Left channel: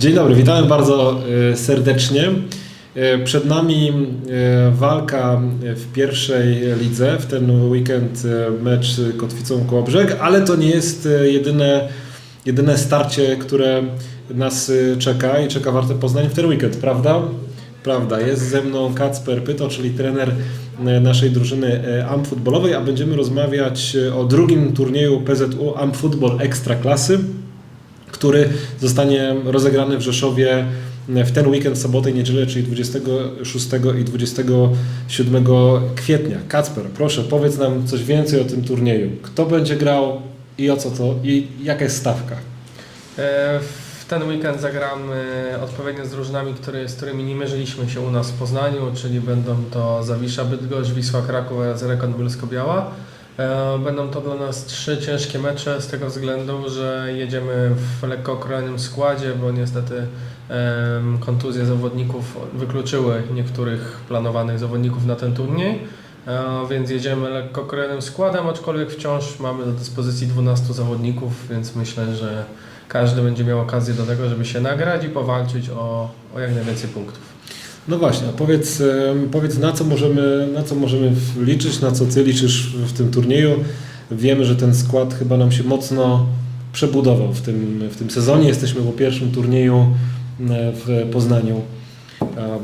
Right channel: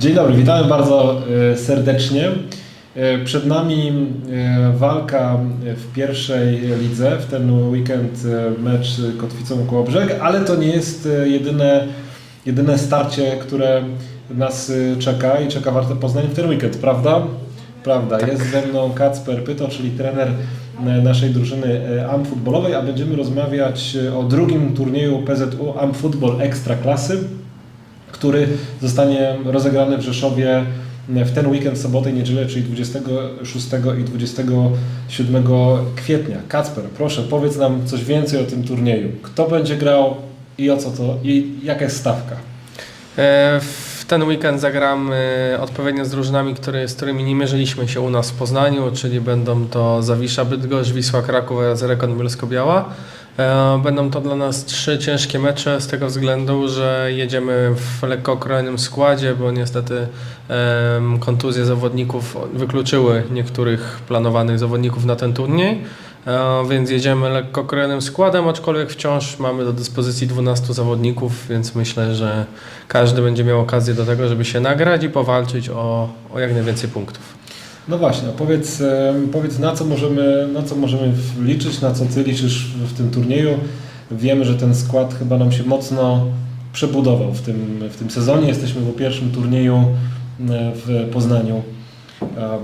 Dzień dobry, witamy bardzo e, serdecznie. E, Przed nami e, walka w pierwszej lidze, w ten weekend mecz Kotwicą Kołobrzeg, ale to nie jest jedyne, jedyne starcie, które nas czeka i czeka Warte Poznań w ten weekend, prawda? Prawda, jest ze mną Kacper Pyto, czyli trener naszej drużyny futbolowej, a będziemy rozmawiać o drugim turnieju PZU AMP Football Ekstraklasy który zostanie rozegrany w Rzeszowie w ten weekend, sobotę i niedzielę, czyli 26 i 27 kwietnia. Kacper, proszę, powiedz nam coś więcej o tym turnieju. Kto będzie grał i o co to, i jaka jest stawka? E, W ten weekend zagramy odpowiednio z drużynami, które, z którymi nie mierzyliśmy się u nas w Poznaniu, czyli będą to Zawisza Bydgoszcz, Wisła Kraków oraz Rekon Bielsko-Biała. E, Będą to dla nas trzy ciężkie mecze z tego względu, że jedziemy w lekko okrojonym składzie, bo niestety kontuzje zawodników wykluczyły niektórych planowanych zawodników na ten turniej. E, Więc jedziemy lekko okrojonym składem, aczkolwiek wciąż mamy do dyspozycji 12 zawodników, więc myślę, że każdy będzie miał okazję do tego, żeby się nagrać i powalczyć o, o jak najwięcej punktów. No właśnie, powiedz, powiedz na, co możemy, na co możemy liczyć, na co Ty liczysz w tym turnieju. Wiemy, że ten skład chyba nam się mocno przebudował w tym, w tym sezonie. Jesteśmy po pierwszym turnieju e, w Poznaniu.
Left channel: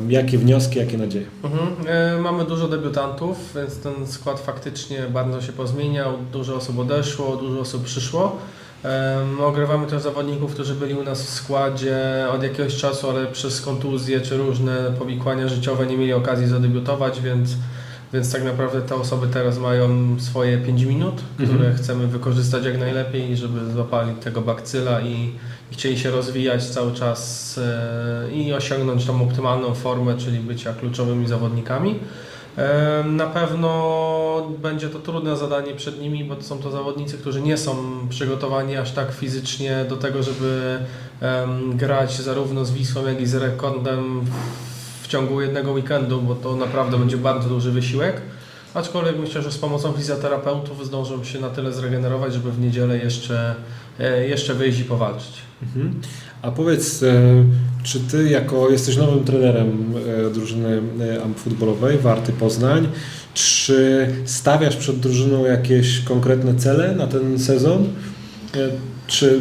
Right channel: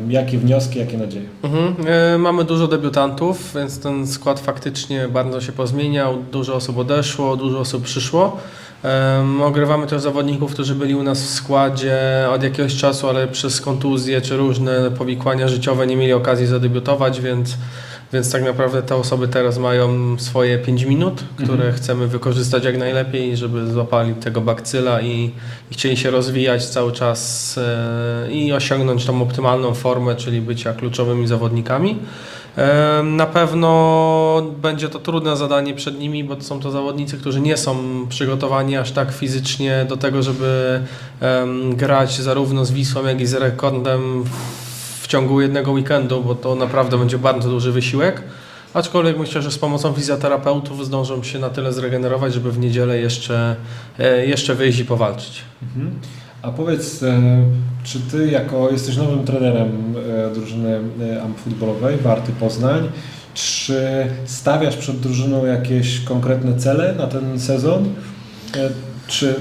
Jakie wnioski, jakie nadzieje? Mhm. E, Mamy dużo debiutantów, więc ten skład faktycznie bardzo się pozmieniał. Dużo osób odeszło, dużo osób przyszło. Ogrywamy też zawodników, którzy byli u nas w składzie od jakiegoś czasu, ale przez kontuzje czy różne powikłania życiowe nie mieli okazji zadebiutować, więc, więc tak naprawdę te osoby teraz mają swoje 5 minut, które Mhm. chcemy wykorzystać jak najlepiej, żeby złapali tego bakcyla i, i chcieli się rozwijać cały czas e, i osiągnąć tą optymalną formę, czyli bycia kluczowymi zawodnikami. Na pewno będzie to trudne zadanie przed nimi, bo są to zawodnicy, którzy nie są przygotowani aż tak fizycznie do tego, żeby grać zarówno z Wisłą, jak i z Rekordem w- w ciągu jednego weekendu, bo to naprawdę będzie bardzo duży wysiłek. Aczkolwiek myślę, że z pomocą fizjoterapeutów zdążą się na tyle zregenerować, żeby w niedzielę jeszcze, e, jeszcze wyjść i powalczyć. Mhm. A powiedz, e, czy ty jako jesteś nowym trenerem e, drużyny e, futbolowej Warty Poznań, czy stawiasz przed drużyną jakieś konkretne cele na ten sezon? Czy,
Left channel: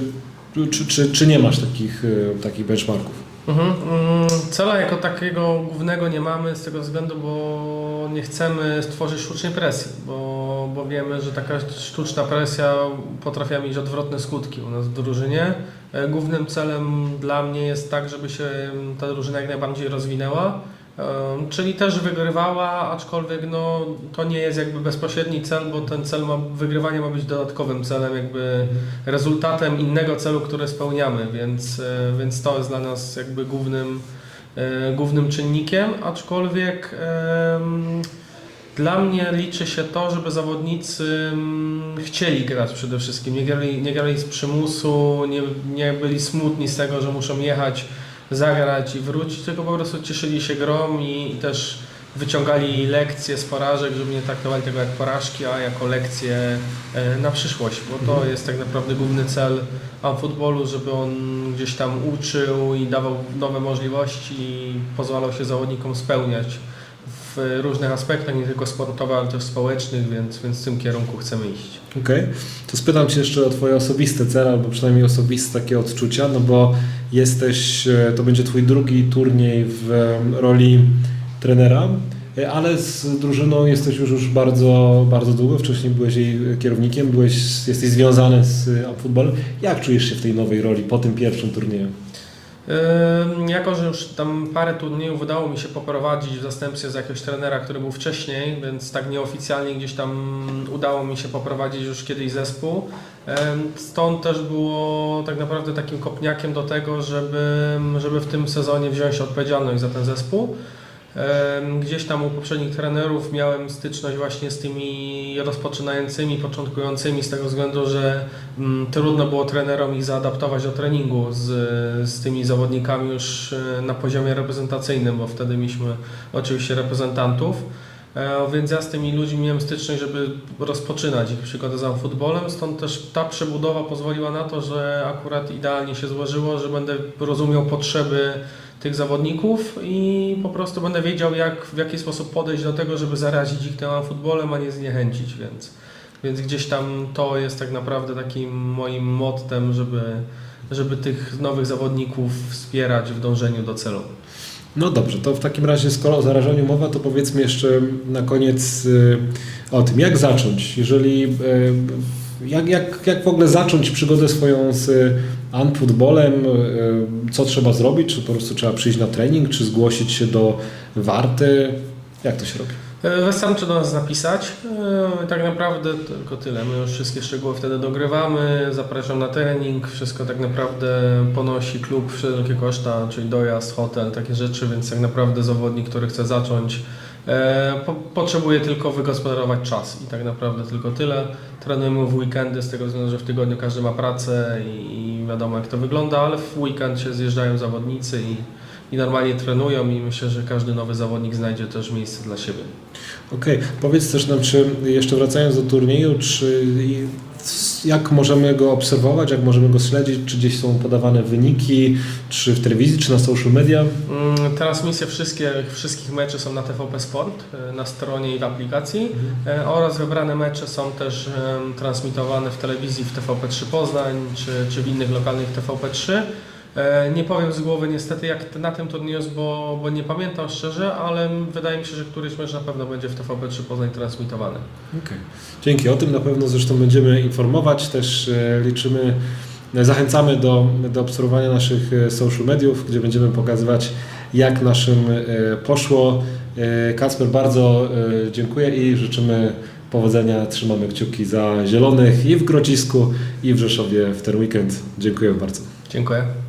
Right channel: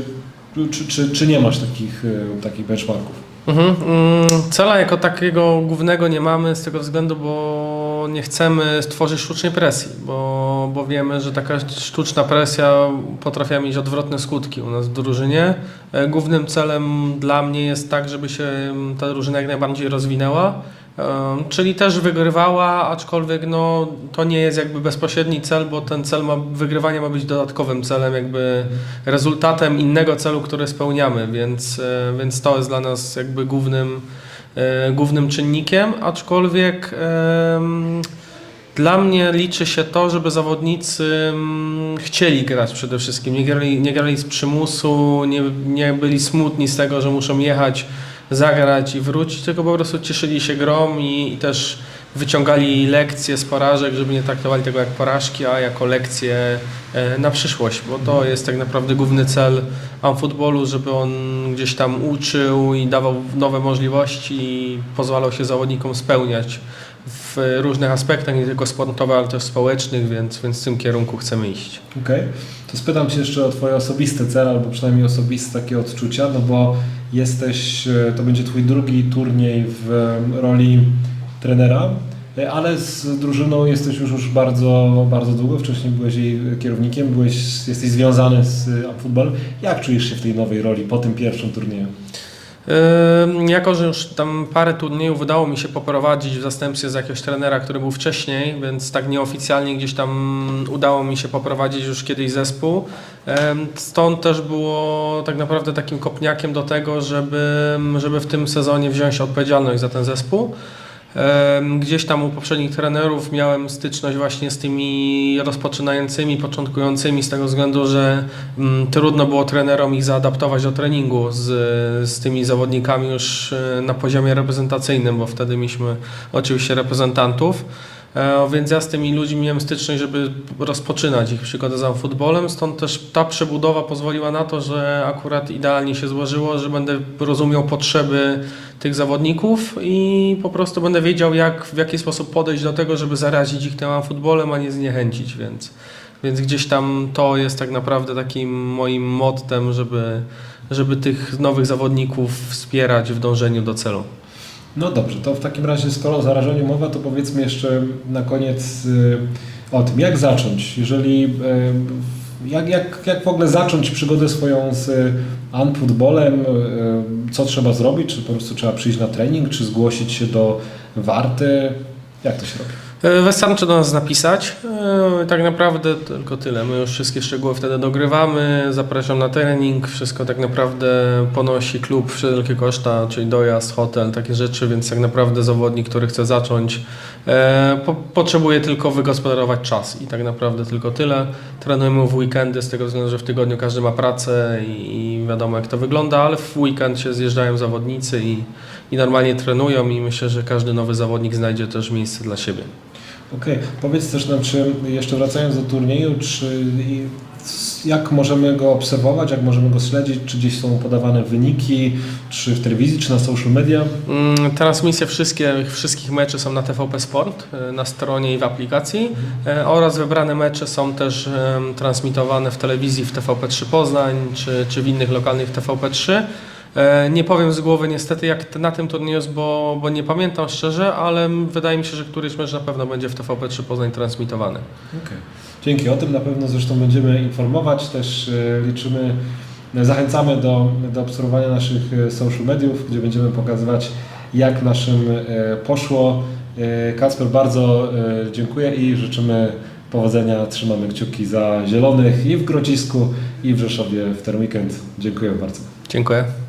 czy, czy, czy nie masz takich, takich benchmarków? Mhm. mm, Cela jako takiego głównego nie mamy z tego względu, bo nie chcemy stworzyć sztucznej presji, bo, bo wiemy, że taka sztuczna presja potrafi mieć odwrotne skutki u nas w drużynie. E, Głównym celem dla mnie jest tak, żeby się mm, ta drużyna jak najbardziej rozwinęła. Czyli też wygrywała, aczkolwiek no, to nie jest jakby bezpośredni cel, bo ten cel ma, wygrywanie ma być dodatkowym celem, jakby rezultatem innego celu, który spełniamy, więc, e, więc to jest dla nas jakby głównym, e, głównym czynnikiem, aczkolwiek dla mnie liczy się to, żeby zawodnicy chcieli grać przede wszystkim, nie grali, nie grali z przymusu, nie, nie byli smutni z tego, że muszą jechać, zagrać i wrócić, tylko po prostu cieszyli się grą i, i też wyciągali lekcje z porażek, żeby nie traktowali tego jak porażki, a jako lekcje e, na przyszłość, bo to jest tak naprawdę główny cel futbolu, żeby on gdzieś tam uczył i dawał nowe możliwości i pozwalał się zawodnikom spełniać w różnych aspektach, nie tylko sportowych, ale też społecznych, więc, więc w tym kierunku chcemy iść. Okej, to spytam Cię jeszcze o Twoje osobiste cele, albo przynajmniej osobiste takie odczucia, no bo jesteś, e, to będzie Twój drugi turniej w e, roli trenera, e, ale z drużyną jesteś już, już bardzo, bardzo długo, wcześniej byłeś jej kierownikiem, byłeś, jesteś związany z futbol. Jak czujesz się w tej nowej roli po tym pierwszym turnieju? Jako, że już tam parę turniejów udało mi się poprowadzić w zastępstwie z jakiegoś trenera, który był wcześniej, więc tak nieoficjalnie gdzieś tam udało mi się poprowadzić już kiedyś zespół. Stąd też było tak naprawdę takim kopniakiem do tego, żeby, żeby w tym sezonie wziąć odpowiedzialność za ten zespół. Gdzieś tam u poprzednich trenerów miałem styczność właśnie z tymi rozpoczynającymi, początkującymi z tego względu, że mm, trudno było trenerom ich zaadaptować do treningu z, z tymi zawodnikami już e, na poziomie reprezentacyjnym, bo wtedy mieliśmy oczywiście reprezentantów. E, Więc ja z tymi ludźmi miałem styczność, żeby rozpoczynać ich przygodę z futbolem, stąd też ta przebudowa pozwoliła na to, że akurat idealnie się złożyło, że będę rozumiał potrzeby tych zawodników i po prostu będę wiedział, jak, w jaki sposób podejść do tego, żeby zarazić ich tym futbolem, a nie zniechęcić, więc, więc gdzieś tam to jest tak naprawdę takim moim mottem, żeby, żeby tych nowych zawodników wspierać w dążeniu do celu. No dobrze, to w takim razie skoro o zarażeniu mowa, to powiedzmy jeszcze na koniec y, o tym, jak zacząć, jeżeli y, jak, jak, jak w ogóle zacząć przygodę swoją z y, Unfootballem, co trzeba zrobić, czy po prostu trzeba przyjść na trening, czy zgłosić się do Warty, jak to się robi? E, Wystarczy do nas napisać. E, Tak naprawdę tylko tyle. My już wszystkie szczegóły wtedy dogrywamy. Zapraszam na trening. Wszystko tak naprawdę ponosi klub wszelkie koszta, czyli dojazd, hotel, takie rzeczy, więc tak naprawdę zawodnik, który chce zacząć, e, po, potrzebuje tylko wygospodarować czas i tak naprawdę tylko tyle. Trenujemy w weekendy z tego względu, że w tygodniu każdy ma pracę i, wiadomo jak to wygląda, ale w weekend się zjeżdżają zawodnicy i, i normalnie trenują i myślę, że każdy nowy zawodnik znajdzie też miejsce dla siebie. Okej, powiedz też nam, czy jeszcze wracając do turnieju, czy jak możemy go obserwować, jak możemy go śledzić, czy gdzieś są podawane wyniki, czy w telewizji, czy na social media? Mm, Transmisje wszystkie, wszystkich meczy są na TVP Sport, e, na stronie i w aplikacji e, oraz wybrane mecze są też transmitowane w telewizji w TVP3 Poznań czy, czy w innych lokalnych TVP3. E, Nie powiem z głowy niestety jak na tym turnieju jest, bo, bo nie pamiętam szczerze, ale wydaje mi się, że któryś mecz na pewno będzie w TVP3 Poznań transmitowany. Okej. Dzięki. O tym na pewno zresztą będziemy informować. Też e, liczymy, e, zachęcamy do, do obserwowania naszych social mediów, gdzie będziemy pokazywać, jak naszym poszło. Kacper, bardzo dziękuję i życzymy powodzenia. Trzymamy kciuki za Zielonych i w Grodzisku, i w Rzeszowie w ten weekend. Dziękuję bardzo. Dziękuję.